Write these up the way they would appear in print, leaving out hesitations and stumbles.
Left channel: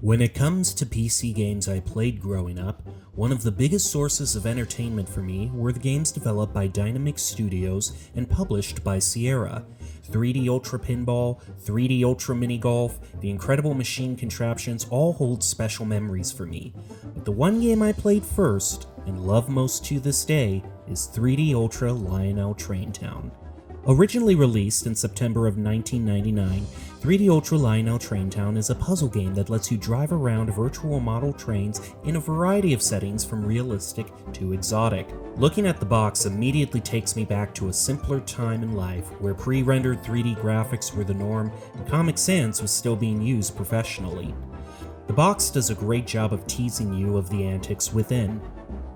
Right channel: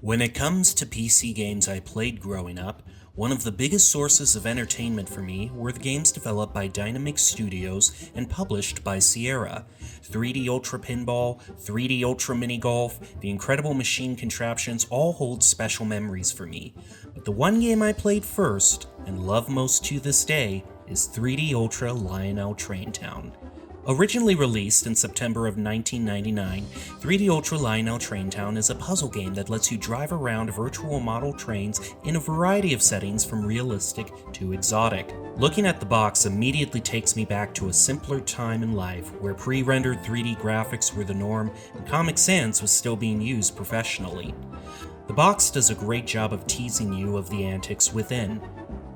When it comes to PC games I played growing up, one of the biggest sources of entertainment for me were the games developed by Dynamix Studios and published by Sierra. 3D Ultra Pinball, 3D Ultra Mini Golf, the Incredible Machine contraptions all hold special memories for me. But the one game I played first, and love most to this day, is 3D Ultra Lionel Traintown. Originally released in September of 1999, 3D Ultra Lionel Traintown is a puzzle game that lets you drive around virtual model trains in a variety of settings from realistic to exotic. Looking at the box immediately takes me back to a simpler time in life where pre-rendered 3D graphics were the norm and Comic Sans was still being used professionally. The box does a great job of teasing you of the antics within,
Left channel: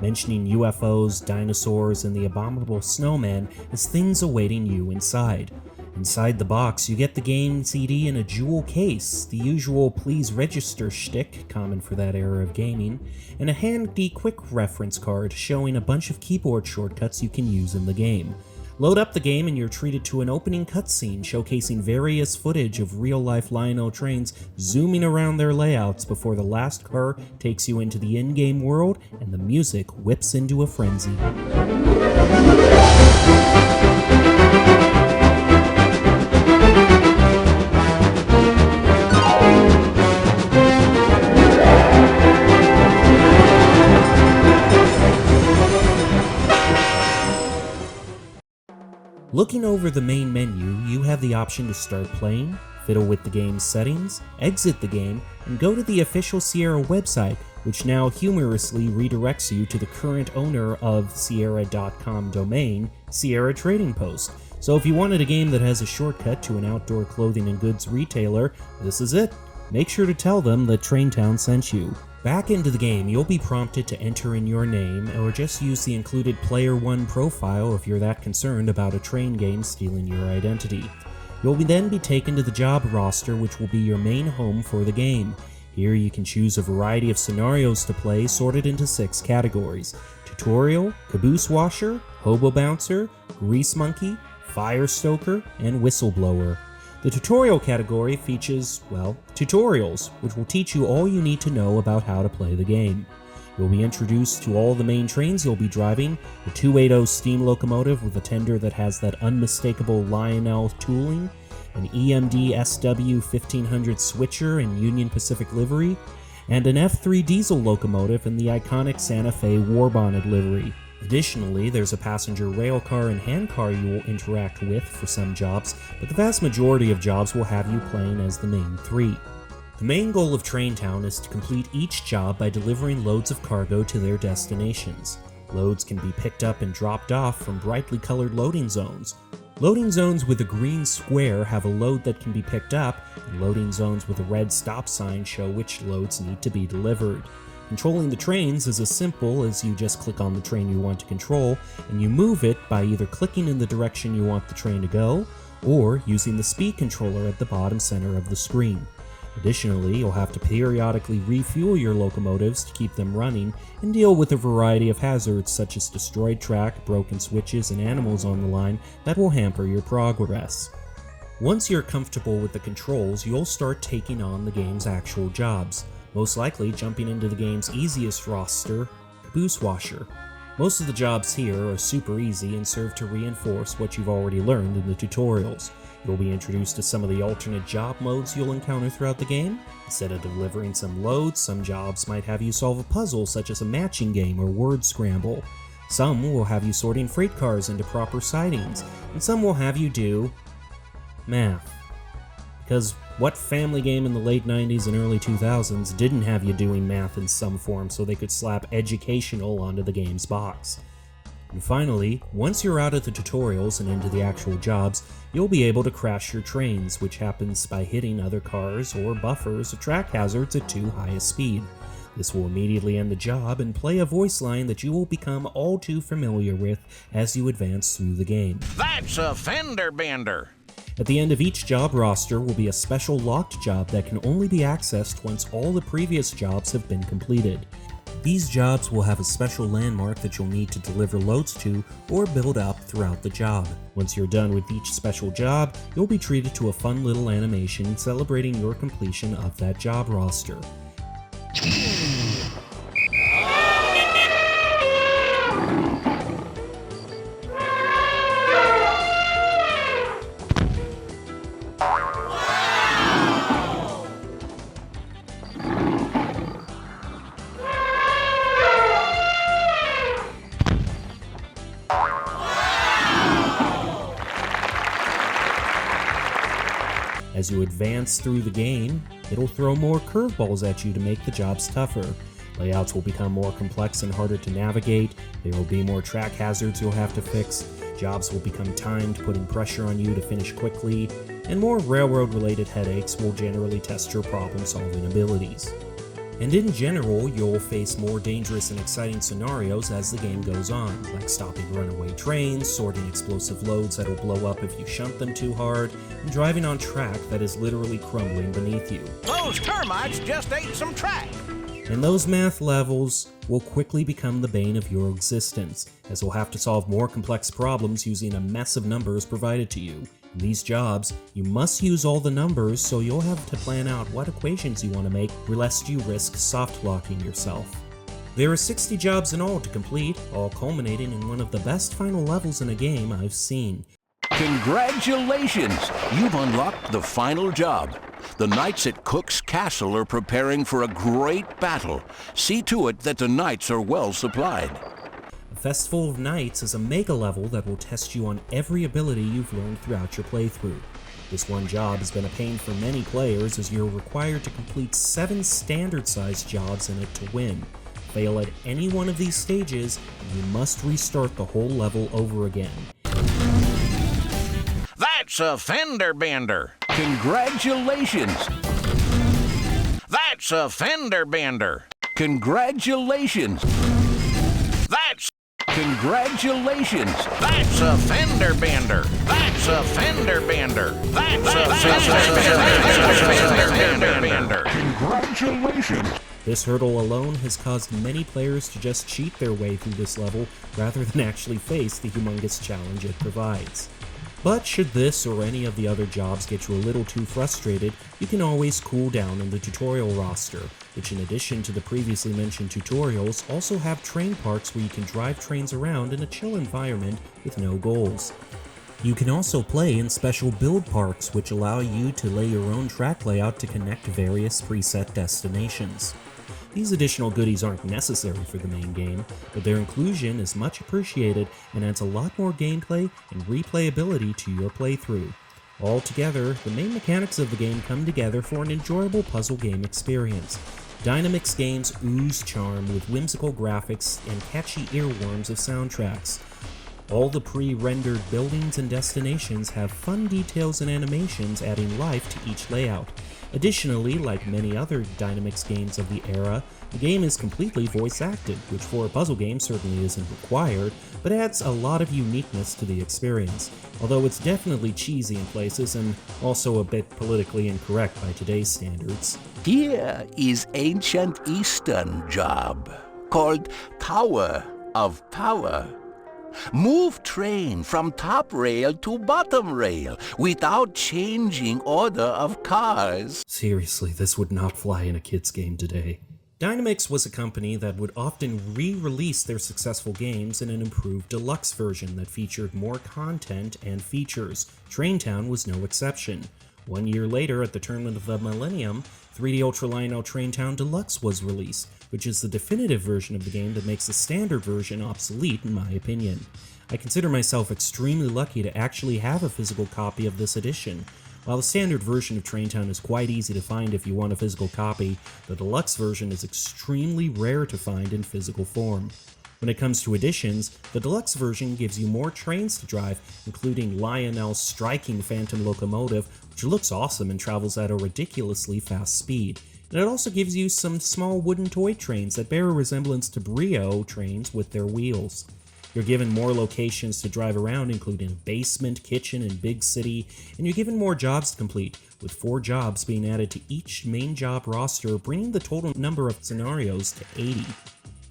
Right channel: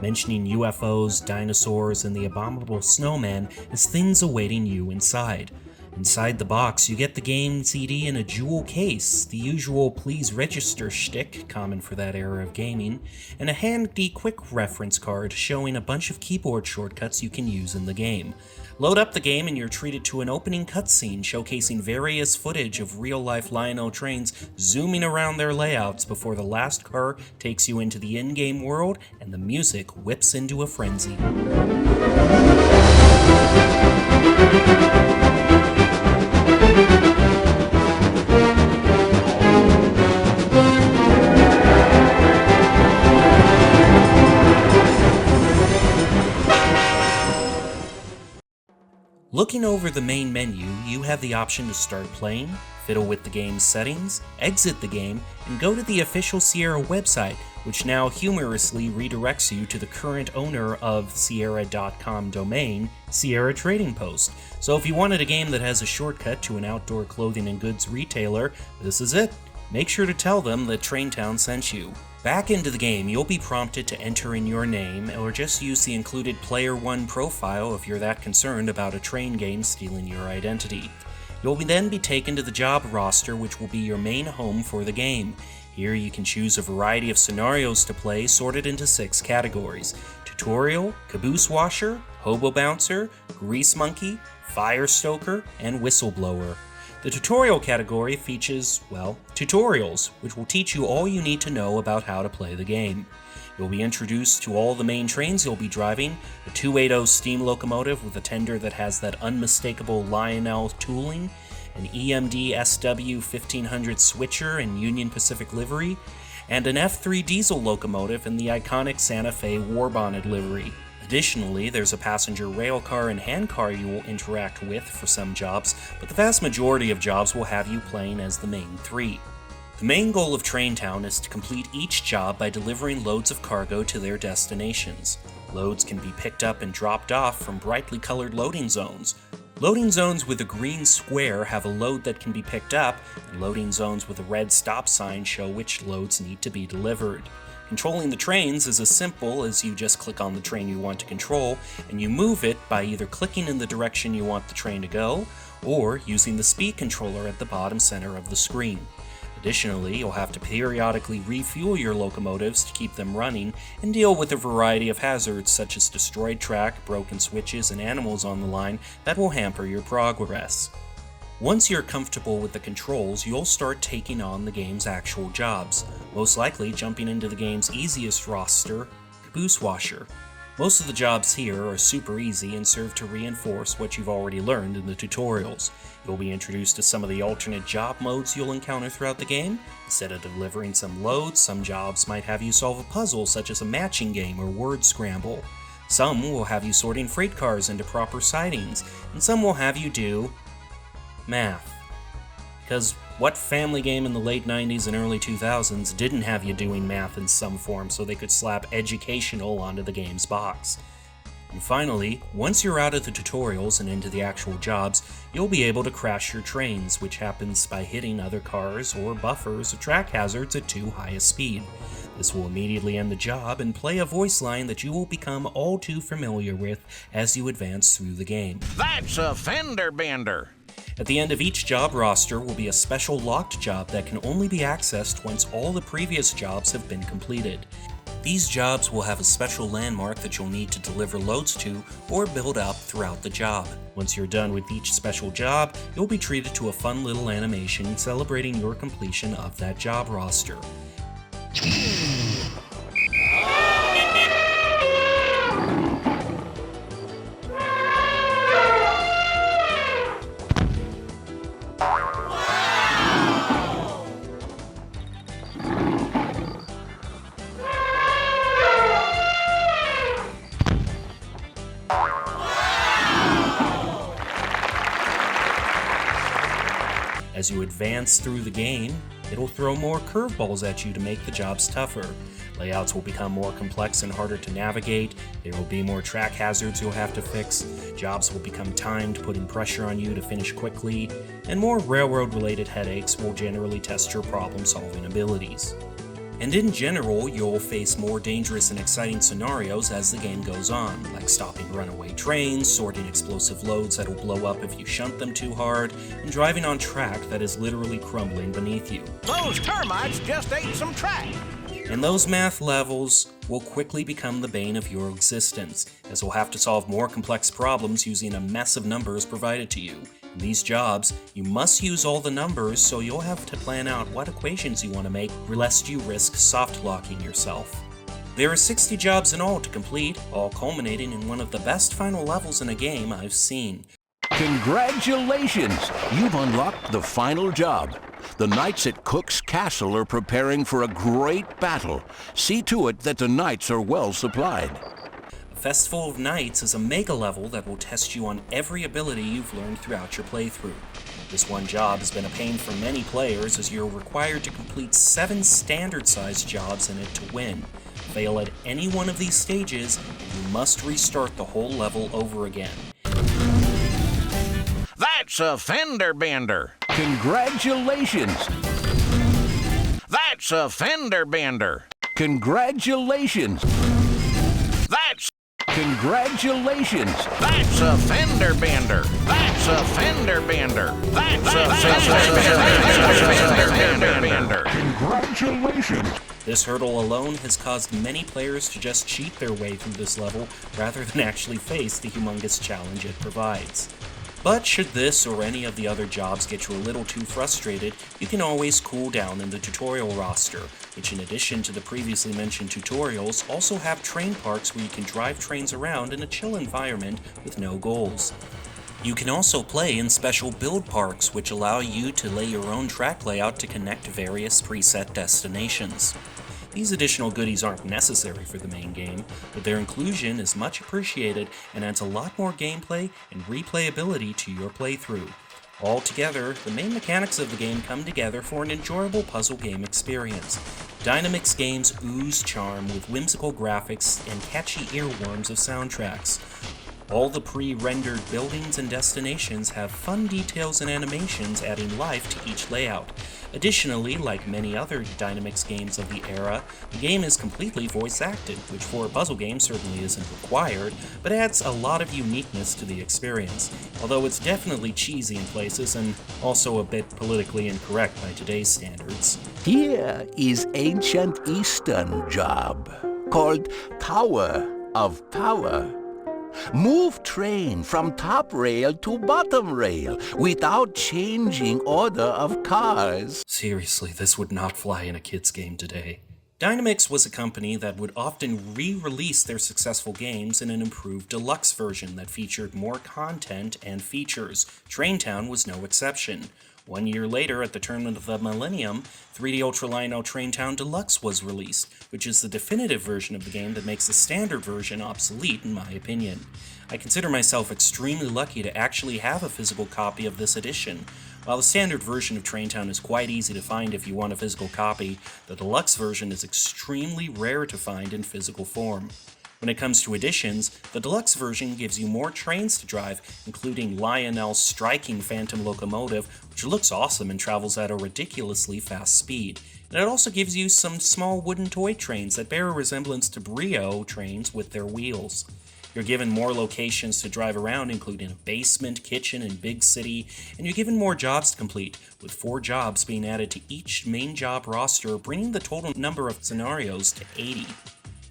mentioning UFOs, dinosaurs, and the abominable snowman as things awaiting you inside. Inside the box, you get the game CD in a jewel case, the usual please register shtick, common for that era of gaming, and a handy quick reference card showing a bunch of keyboard shortcuts you can use in the game. Load up the game and you're treated to an opening cutscene showcasing various footage of real-life Lionel trains zooming around their layouts before the last car takes you into the in-game world and the music whips into a frenzy. Looking over the main menu, you have the option to start playing, fiddle with the game's settings, exit the game, and go to the official Sierra website, which now humorously redirects you to the current owner of Sierra.com domain, Sierra Trading Post. So if you wanted a game that has a shortcut to an outdoor clothing and goods retailer, this is it. Make sure to tell them that Traintown sent you. Back into the game, you'll be prompted to enter in your name or just use the included Player 1 profile if you're that concerned about a train game stealing your identity. You'll then be taken to the job roster, which will be your main home for the game. Here you can choose a variety of scenarios to play sorted into 6 categories: tutorial, caboose washer, hobo bouncer, grease monkey, fire stoker, and whistleblower. The tutorial category features, tutorials, which will teach you all you need to know about how to play the game. You'll be introduced to all the main trains you'll be driving, a 280 steam locomotive with a tender that has that unmistakable Lionel tooling, an EMD SW 1500 switcher in Union Pacific livery, and an F3 diesel locomotive in the iconic Santa Fe war-bonded livery. Additionally, there's a passenger rail car and hand car you will interact with for some jobs, but the vast majority of jobs will have you playing as the main 3. The main goal of Traintown is to complete each job by delivering loads of cargo to their destinations. Loads can be picked up and dropped off from brightly colored loading zones. Loading zones with a green square have a load that can be picked up, and loading zones with a red stop sign show which loads need to be delivered. Controlling the trains is as simple as you just click on the train you want to control, and you move it by either clicking in the direction you want the train to go, or using the speed controller at the bottom center of the screen. Additionally, you'll have to periodically refuel your locomotives to keep them running and deal with a variety of hazards such as destroyed track, broken switches, and animals on the line that will hamper your progress. Once you're comfortable with the controls, you'll start taking on the game's actual jobs, most likely jumping into the game's easiest roster, Caboose Washer. Most of the jobs here are super easy and serve to reinforce what you've already learned in the tutorials. You'll be introduced to some of the alternate job modes you'll encounter throughout the game. Instead of delivering some loads, some jobs might have you solve a puzzle such as a matching game or word scramble. Some will have you sorting freight cars into proper sidings, and some will have you do math. Because what family game in the late 90s and early 2000s didn't have you doing math in some form so they could slap educational onto the game's box? And finally, once you're out of the tutorials and into the actual jobs, you'll be able to crash your trains, which happens by hitting other cars or buffers or track hazards at too high a speed. This will immediately end the job and play a voice line that you will become all too familiar with as you advance through the game. That's a fender bender! At the end of each job roster will be a special locked job that can only be accessed once all the previous jobs have been completed. These jobs will have a special landmark that you'll need to deliver loads to or build up throughout the job. Once you're done with each special job, you'll be treated to a fun little animation celebrating your completion of that job roster. As you advance through the game, it'll throw more curveballs at you to make the jobs tougher. Layouts will become more complex and harder to navigate, there will be more track hazards you'll have to fix, jobs will become timed, putting pressure on you to finish quickly, and more railroad-related headaches will generally test your problem-solving abilities. And in general, you'll face more dangerous and exciting scenarios as the game goes on, like stopping runaway trains, sorting explosive loads that'll blow up if you shunt them too hard, and driving on track that is literally crumbling beneath you. Those termites just ate some track. And those math levels will quickly become the bane of your existence, as you'll have to solve more complex problems using a mess of numbers provided to you. In these jobs, you must use all the numbers, so you'll have to plan out what equations you want to make, lest you risk soft-locking yourself. There are 60 jobs in all to complete, all culminating in one of the best final levels in a game I've seen. Congratulations! You've unlocked the final job. The knights at Cook's Castle are preparing for a great battle. See to it that the knights are well supplied. Festival of Nights is a mega level that will test you on every ability you've learned throughout your playthrough. This one job has been a pain for many players, as you're required to complete 7 standard-sized jobs in it to win. Fail at any one of these stages, and you must restart the whole level over again. That's a fender bender. Congratulations! That's a fender bender. Congratulations! That's Congratulations! That's a fender bender. That's a fender bender. That's a fender bender. Congratulations! This hurdle alone has caused many players to just cheat their way through this level rather than actually face the humongous challenge it provides. But should this or any of the other jobs get you a little too frustrated, you can always cool down in the tutorial roster, which in addition to the previously mentioned tutorials, also have train parks where you can drive trains around in a chill environment with no goals. You can also play in special build parks, which allow you to lay your own track layout to connect various preset destinations. These additional goodies aren't necessary for the main game, but their inclusion is much appreciated and adds a lot more gameplay and replayability to your playthrough. Altogether, the main mechanics of the game come together for an enjoyable puzzle game experience. Dynamix Games ooze charm with whimsical graphics and catchy earworms of soundtracks. All the pre-rendered buildings and destinations have fun details and animations adding life to each layout. Additionally, like many other Dynamix games of the era, the game is completely voice-acted, which for a puzzle game certainly isn't required, but adds a lot of uniqueness to the experience, although it's definitely cheesy in places and also a bit politically incorrect by today's standards. Here is ancient Eastern job called Tower of Power. Move train from top rail to bottom rail without changing order of cars. Seriously, this would not fly in a kid's game today. Dynamix was a company that would often re-release their successful games in an improved deluxe version that featured more content and features. Traintown was no exception. 1 year later, at the turn of the millennium, 3D Ultra Lionel Traintown Deluxe was released, which is the definitive version of the game that makes the standard version obsolete in my opinion. I consider myself extremely lucky to actually have a physical copy of this edition. While the standard version of Traintown is quite easy to find if you want a physical copy, the deluxe version is extremely rare to find in physical form. When it comes to editions, the deluxe version gives you more trains to drive, including Lionel's striking Phantom locomotive, which looks awesome and travels at a ridiculously fast speed. And it also gives you some small wooden toy trains that bear a resemblance to Brio trains with their wheels. You're given more locations to drive around, including a basement, kitchen, and big city, and you're given more jobs to complete, with 4 jobs being added to each main job roster, bringing the total number of scenarios to 80.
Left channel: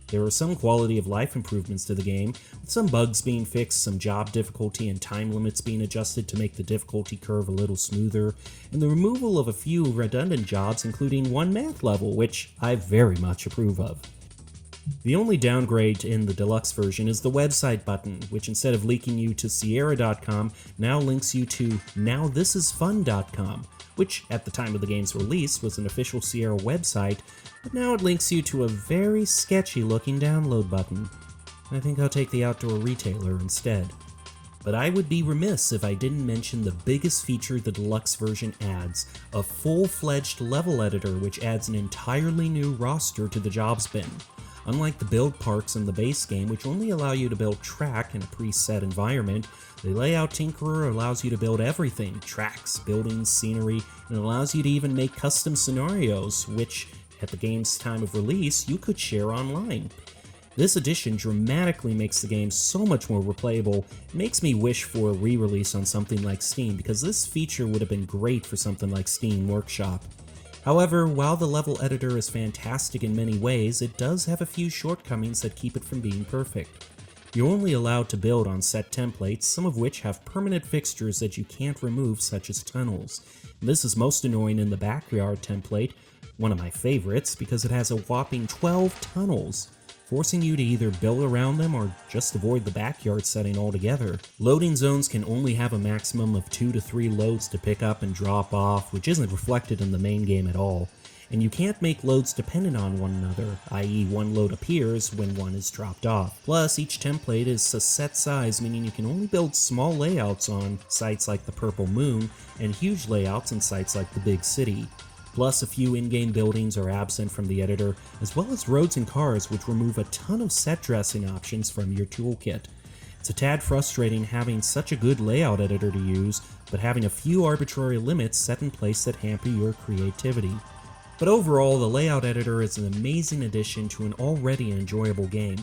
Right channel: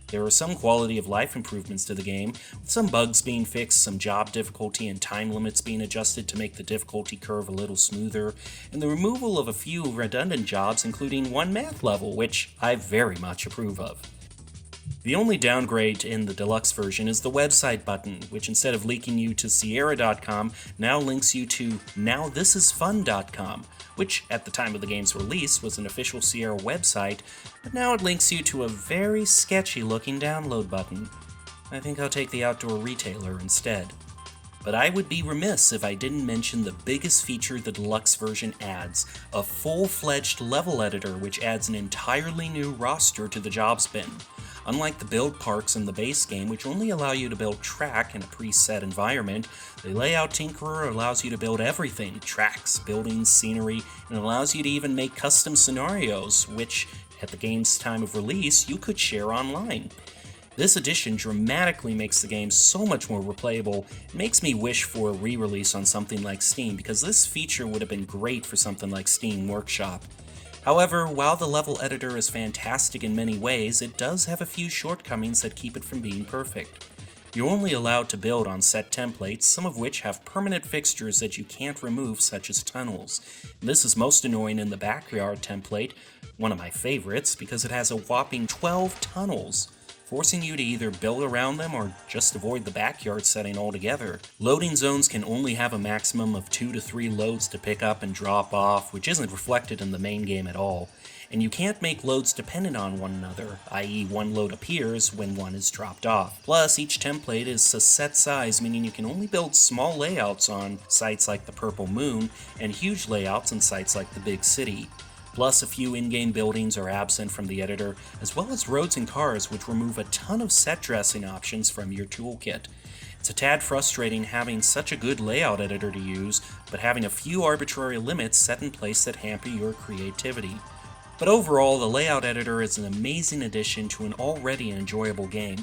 There are some quality of life improvements to the game, with some bugs being fixed, some job difficulty and time limits being adjusted to make the difficulty curve a little smoother, and the removal of a few redundant jobs, including one math level, which I very much approve of. The only downgrade in the deluxe version is the website button, which instead of linking you to Sierra.com, now links you to NowThisIsFun.com, which at the time of the game's release was an official Sierra website, but now it links you to a very sketchy looking download button. I think I'll take the outdoor retailer instead. But I would be remiss if I didn't mention the biggest feature the deluxe version adds, a full-fledged level editor which adds an entirely new roster to the jobs bin. Unlike the build parks in the base game, which only allow you to build track in a preset environment, the Layout Tinkerer allows you to build everything: tracks, buildings, scenery, and allows you to even make custom scenarios, which, at the game's time of release, you could share online. This addition dramatically makes the game so much more replayable. It makes me wish for a re-release on something like Steam, because this feature would have been great for something like Steam Workshop. However, while the level editor is fantastic in many ways, it does have a few shortcomings that keep it from being perfect. You're only allowed to build on set templates, some of which have permanent fixtures that you can't remove, such as tunnels. This is most annoying in the backyard template, one of my favorites, because it has a whopping 12 tunnels, forcing you to either build around them or just avoid the backyard setting altogether. Loading zones can only have a maximum of 2 to 3 loads to pick up and drop off, which isn't reflected in the main game at all. And you can't make loads dependent on one another, i.e. one load appears when one is dropped off. Plus, each template is a set size, meaning you can only build small layouts on sites like the Purple Moon, and huge layouts on sites like the Big City. Plus, a few in-game buildings are absent from the editor, as well as roads and cars, which remove a ton of set dressing options from your toolkit. It's a tad frustrating having such a good layout editor to use, but having a few arbitrary limits set in place that hamper your creativity. But overall, the layout editor is an amazing addition to an already enjoyable game.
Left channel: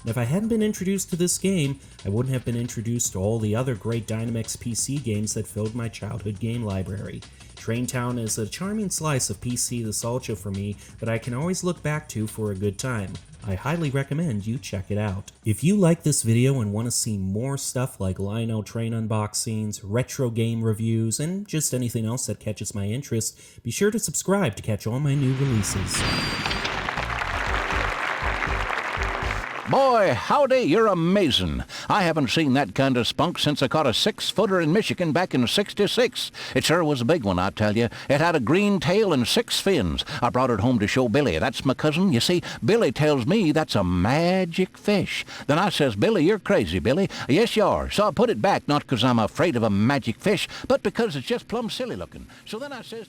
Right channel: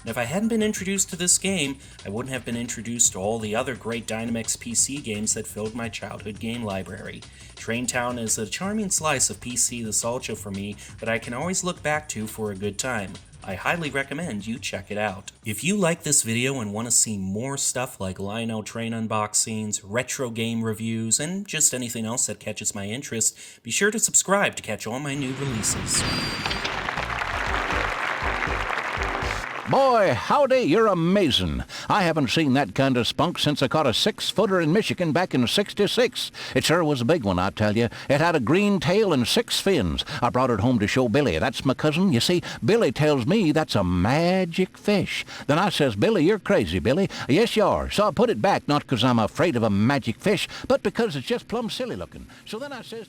And if I hadn't been introduced to this game, I wouldn't have been introduced to all the other great Dynamix PC games that filled my childhood game library. Traintown is a charming slice of PC nostalgia for me that I can always look back to for a good time. I highly recommend you check it out. If you like this video and want to see more stuff like Lionel Train unboxings, retro game reviews, and just anything else that catches my interest, be sure to subscribe to catch all my new releases. Boy, howdy, you're amazing. I haven't seen that kind of spunk since I caught a 6-footer in Michigan back in '66. It sure was a big one, I tell you. It had a green tail and 6 fins. I brought it home to show Billy. That's my cousin. You see, Billy tells me that's a magic fish. Then I says, Billy, you're crazy, Billy. Yes, you are. So I put it back, not because I'm afraid of a magic fish, but because it's just plumb silly looking. So then I says...